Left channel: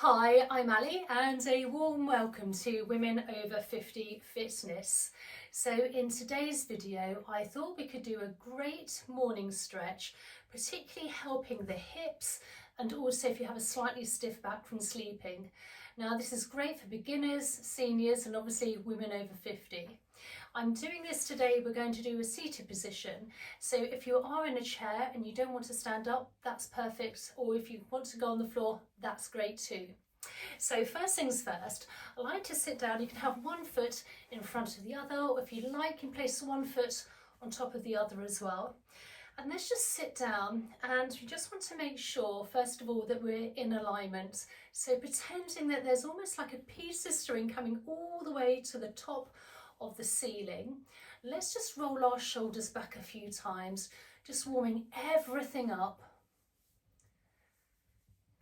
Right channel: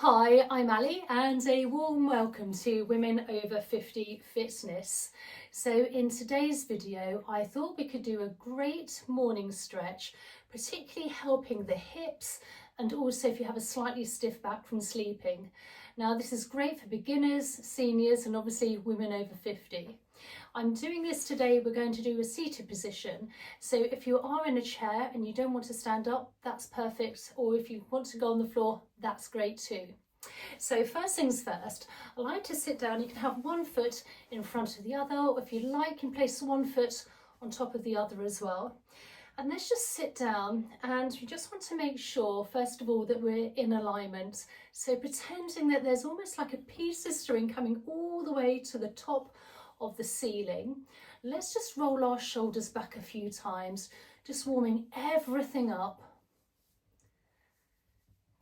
Hi, I'm Ali and a warm welcome to Women Over 50 Fitness. So in today's video, I thought we could do a great morning stretch, particularly helping the hips and also if you have a slightly stiff back from sleeping. Now this is great for beginners, seniors and obviously women over 50. I'm doing this today, we're going to do a seated position. So if you are in a chair and you don't want to stand up, that's perfect. Or if you want to go on the floor, that's great too. So first things first, I like to sit down. You can have one foot in front of the other, or if you like, you can place one foot on top of the other as well. And let's just sit down, and you just want to make sure, first of all, that we're in alignment. So pretending that there's almost like a piece of string coming all the way to the top of the ceiling. Let's just roll our shoulders back a few times, just warming everything up.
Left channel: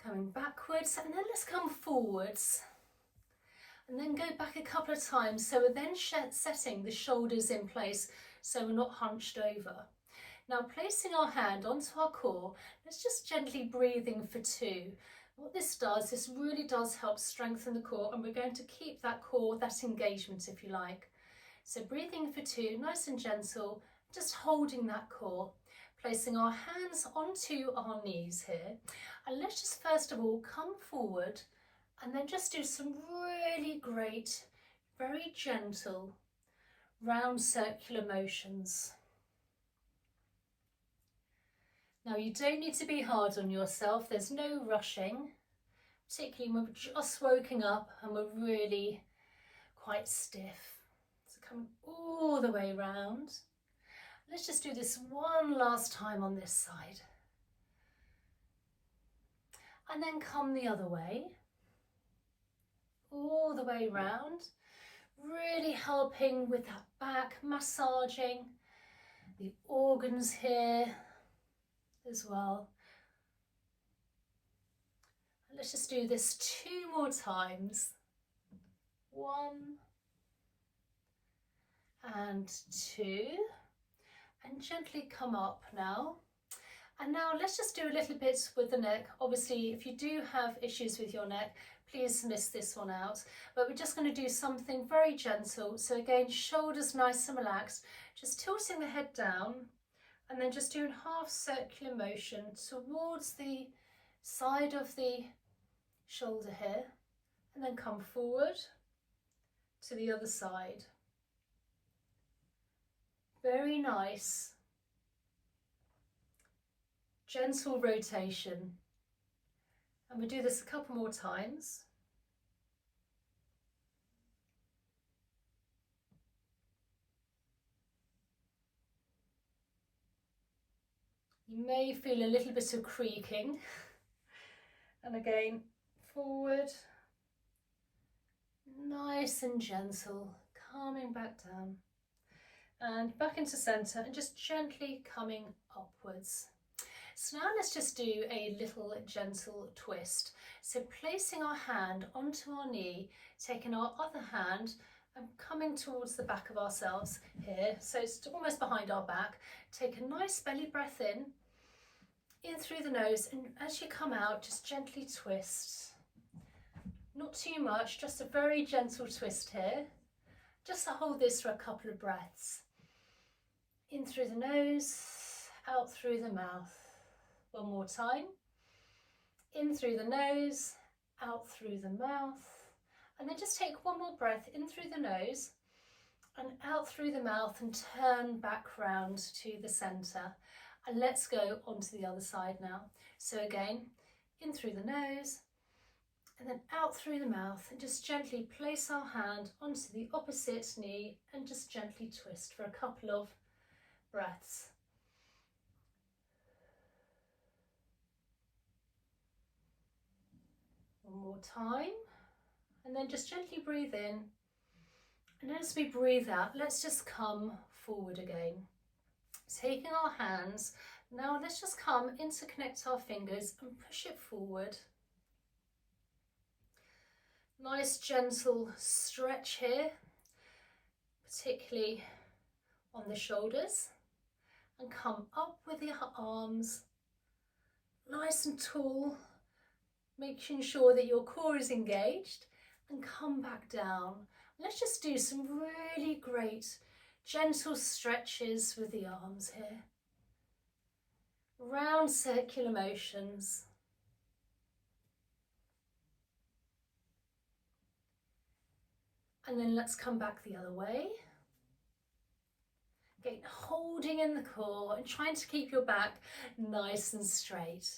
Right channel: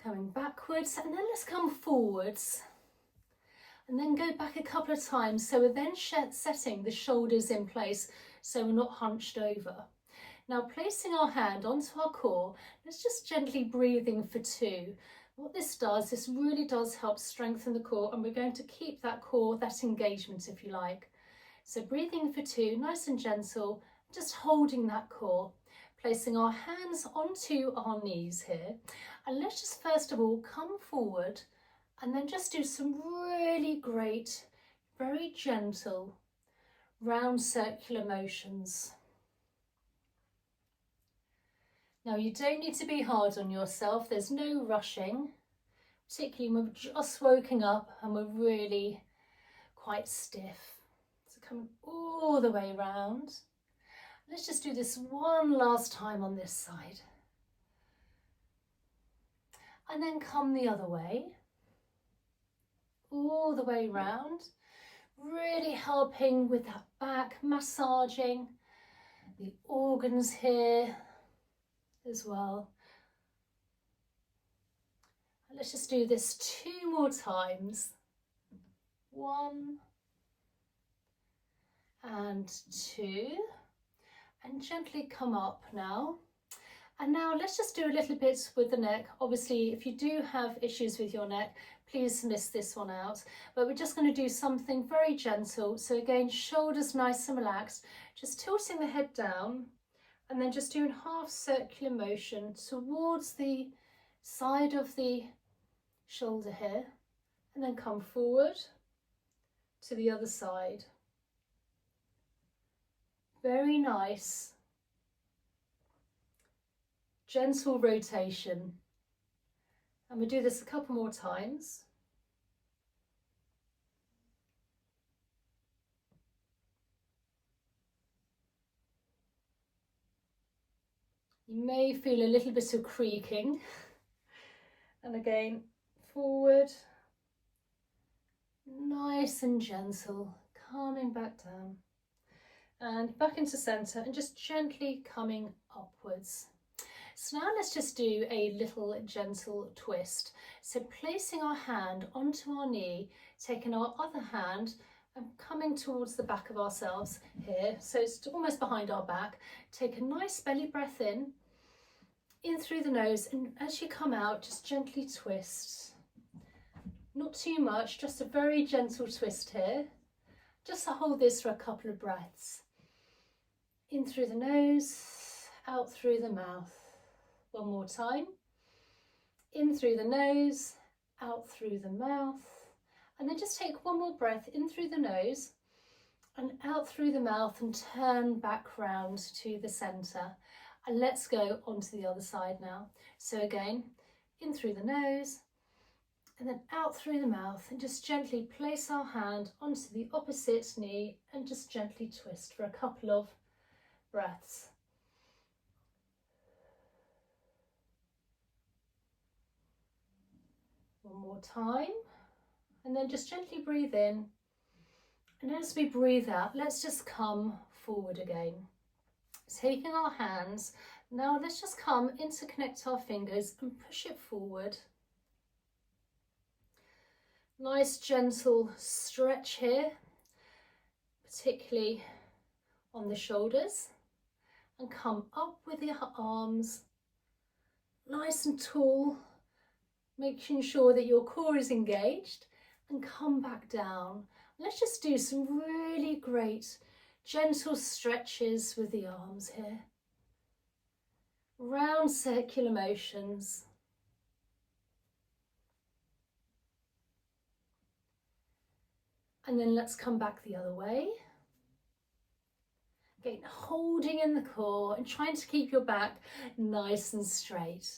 Coming backwards, and then let's come forwards and then go back a couple of times. So we're then setting the shoulders in place so we're not hunched over. Now placing our hand onto our core, let's just gently breathing for 2. What this really does help strengthen the core, and we're going to keep that core, that engagement if you like. So breathing for 2, nice and gentle, just holding that core, placing our hands onto our knees here. And let's just first of all come forward and then just do some really great, very gentle, round circular motions. Now you don't need to be hard on yourself, there's no rushing, particularly when we're just woken up and we're really quite stiff. So coming all the way round. Let's just do this one last time on this side. And then come the other way, all the way round, really helping with that back, massaging the organs here as well. And let's just do this 2 more times. 1 and 2, and gently come up now. And now let's just do a little bit with the neck. Obviously, if you do have issues with your neck, please miss this one out. But we're just going to do something very gentle. So again, shoulders nice and relaxed, just tilting the head down and then just doing half circular motion towards the side of the shoulder here, and then come forward to the other side. Very nice. Gentle rotation, and we do this a couple more times. You may feel a little bit of creaking, and again forward, nice and gentle, calming back down and back into center and just gently coming upwards. So now let's just do a little gentle twist. So placing our hand onto our knee, taking our other hand and coming towards the back of ourselves here. So it's almost behind our back. Take a nice belly breath in through the nose, and as you come out, just gently twist. Not too much, just a very gentle twist here. Just to hold this for a couple of breaths. In through the nose, out through the mouth. One more time. In through the nose, out through the mouth. And then just take one more breath in through the nose and out through the mouth, and turn back round to the center. And let's go onto the other side now. So again, in through the nose and then out through the mouth, and just gently place our hand onto the opposite knee and just gently twist for a couple of breaths. One more time, and then just gently breathe in, and as we breathe out, let's just come forward again. Taking our hands, now let's just come interconnect our fingers and push it forward. Nice gentle stretch here, particularly on the shoulders, and come up with the arms, nice and tall, making sure that your core is engaged, and come back down. Let's just do some really great gentle stretches with the arms here. Round circular motions. And then let's come back the other way. Again, holding in the core and trying to keep your back nice and straight.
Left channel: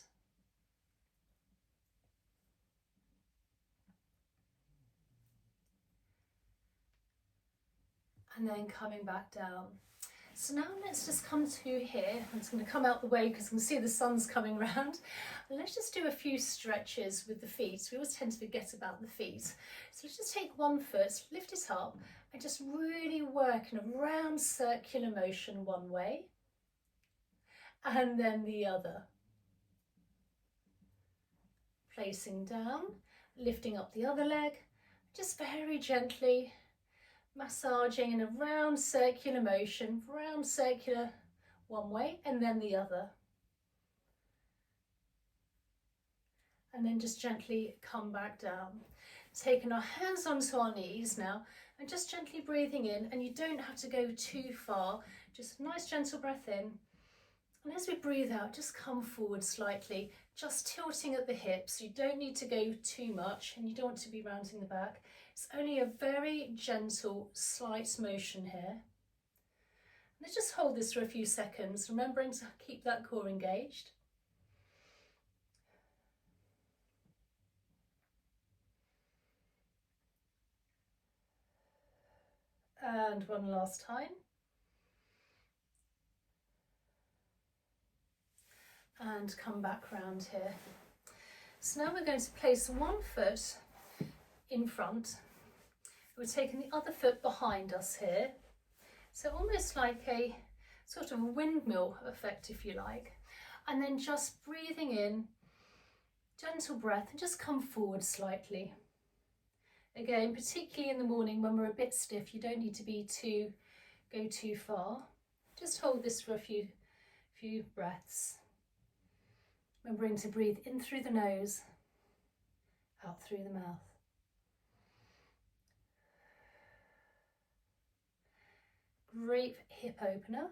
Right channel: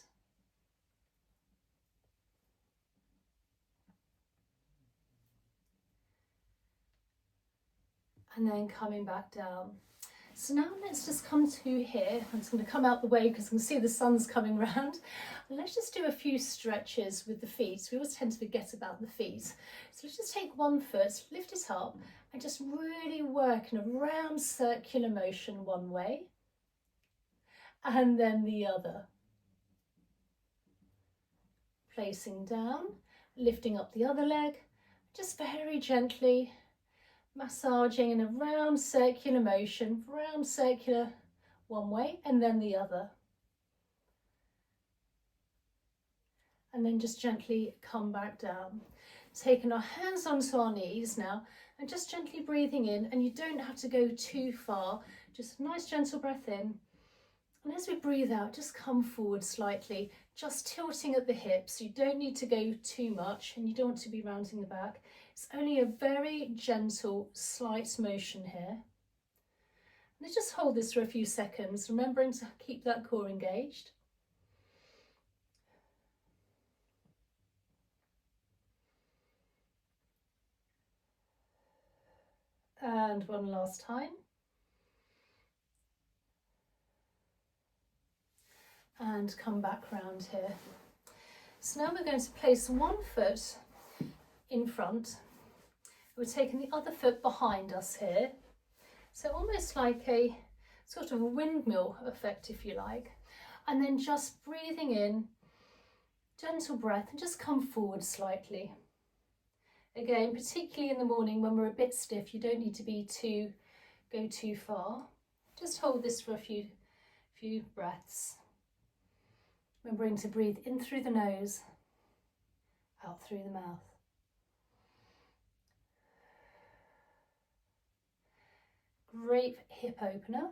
And then coming back down. So now let's just come to here. I'm just going to come out the way because I can see the sun's coming round. And let's just do a few stretches with the feet. We always tend to forget about the feet. So let's just take one foot, lift it up, and just really work in a round circular motion one way, and then the other. Placing down, lifting up the other leg, just very gently massaging in a round circular motion, round circular one way and then the other. And then just gently come back down. Taking our hands onto our knees now and just gently breathing in, and you don't have to go too far, just a nice gentle breath in. And as we breathe out, just come forward slightly, just tilting at the hips. You don't need to go too much and you don't want to be rounding the back. It's only a very gentle, slight motion here. Let's just hold this for a few seconds, remembering to keep that core engaged. And one last time. And come back round here. So now we're going to place one foot in front. We're taking the other foot behind us here. So almost like a sort of a windmill effect, if you like. And then just breathing in, gentle breath, and just come forward slightly. Again, particularly in the morning when we're a bit stiff, you don't need to go too far. Just hold this for a few breaths. Remembering to breathe in through the nose, out through the mouth. Great hip opener.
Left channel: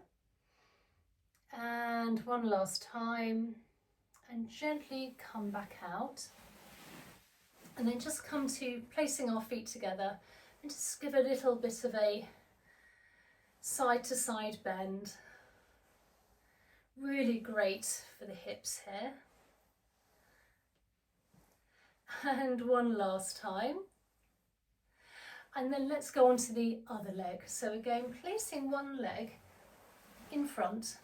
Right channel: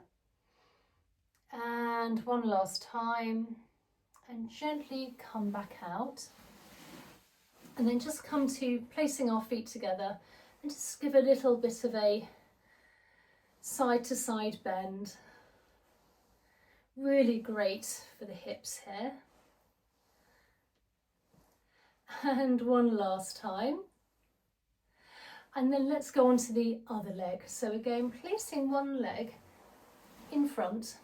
And one last time. And gently come back out. And then just come to placing our feet together and just give a little bit of a side to side bend. Really great for the hips here. And one last time. And then let's go on to the other leg. So again, placing one leg in front.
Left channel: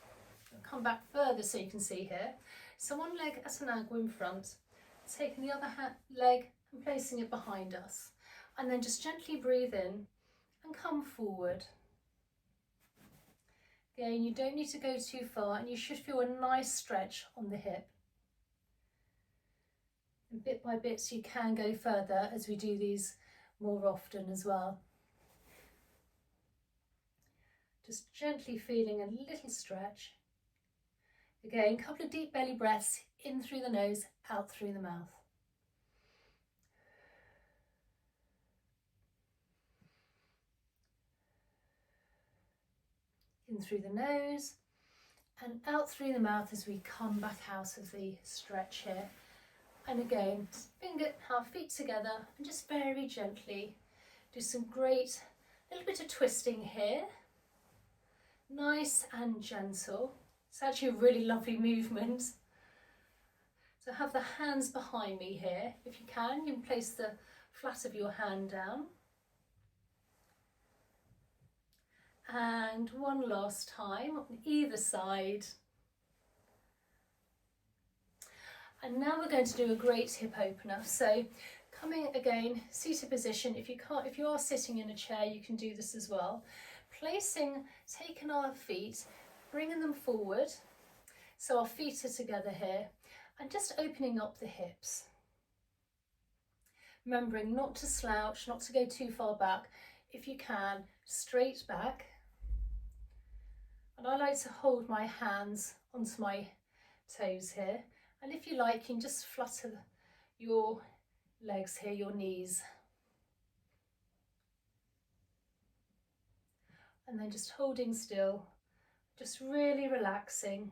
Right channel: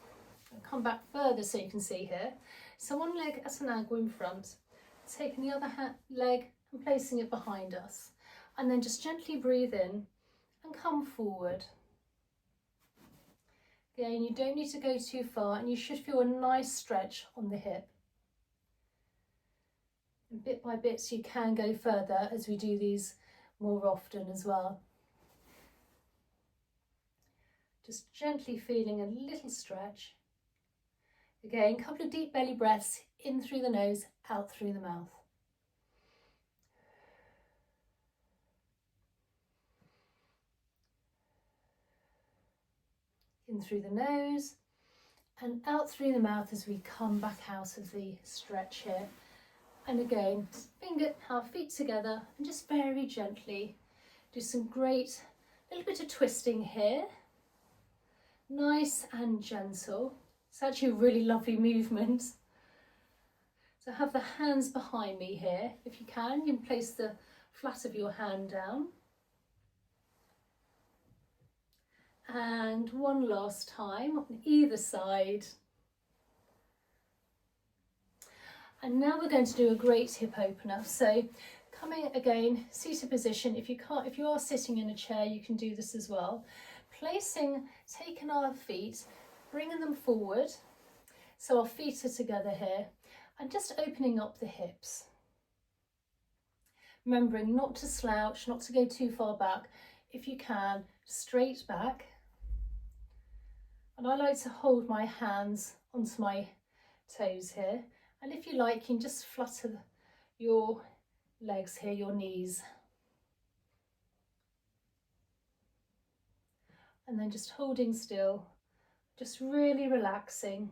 I'll come back further so you can see here. So one leg at an angle in front, taking the other leg and placing it behind us. And then just gently breathe in and come forward. Again, you don't need to go too far and you should feel a nice stretch on the hip. And bit by bit you can go further as we do these more often as well. Just gently feeling a little stretch. Again, a couple of deep belly breaths, in through the nose, out through the mouth. In through the nose and out through the mouth as we come back out of the stretch here. And again, bring our feet together and just very gently do some great little bit of twisting here. Nice and gentle. It's actually a really lovely movement. So have the hands behind me here. If you can place the flat of your hand down. And one last time on either side. And now we're going to do a great hip opener. So coming again, seated position. If you are sitting in a chair, you can do this as well. Taking our feet, bringing them forward. So our feet are together here and just opening up the hips. Remembering not to slouch, not to go too far back. If you can, straight back. And I like to hold my hands onto my toes here. And if you like, you can just flutter your legs here, your knees. And then just holding still, just really relaxing.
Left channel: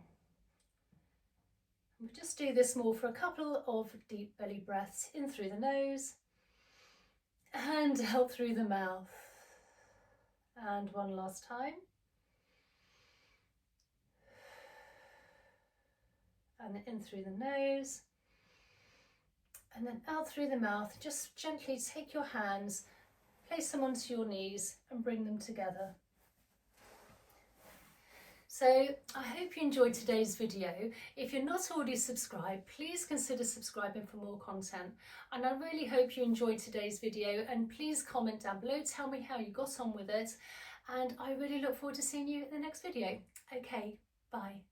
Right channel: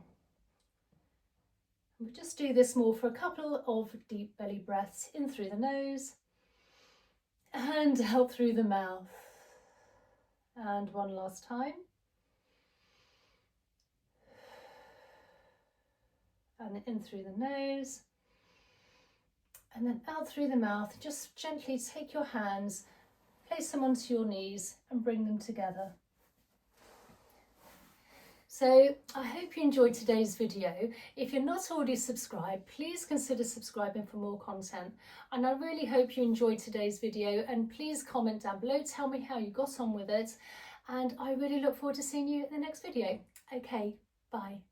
We'll just do this more for a couple of deep belly breaths, in through the nose and out through the mouth. And one last time. And in through the nose and then out through the mouth. Just gently take your hands, place them onto your knees and bring them together. So I hope you enjoyed today's video. If you're not already subscribed, please consider subscribing for more content. And I really hope you enjoyed today's video, and please comment down below, tell me how you got on with it. And I really look forward to seeing you in the next video. Okay, bye.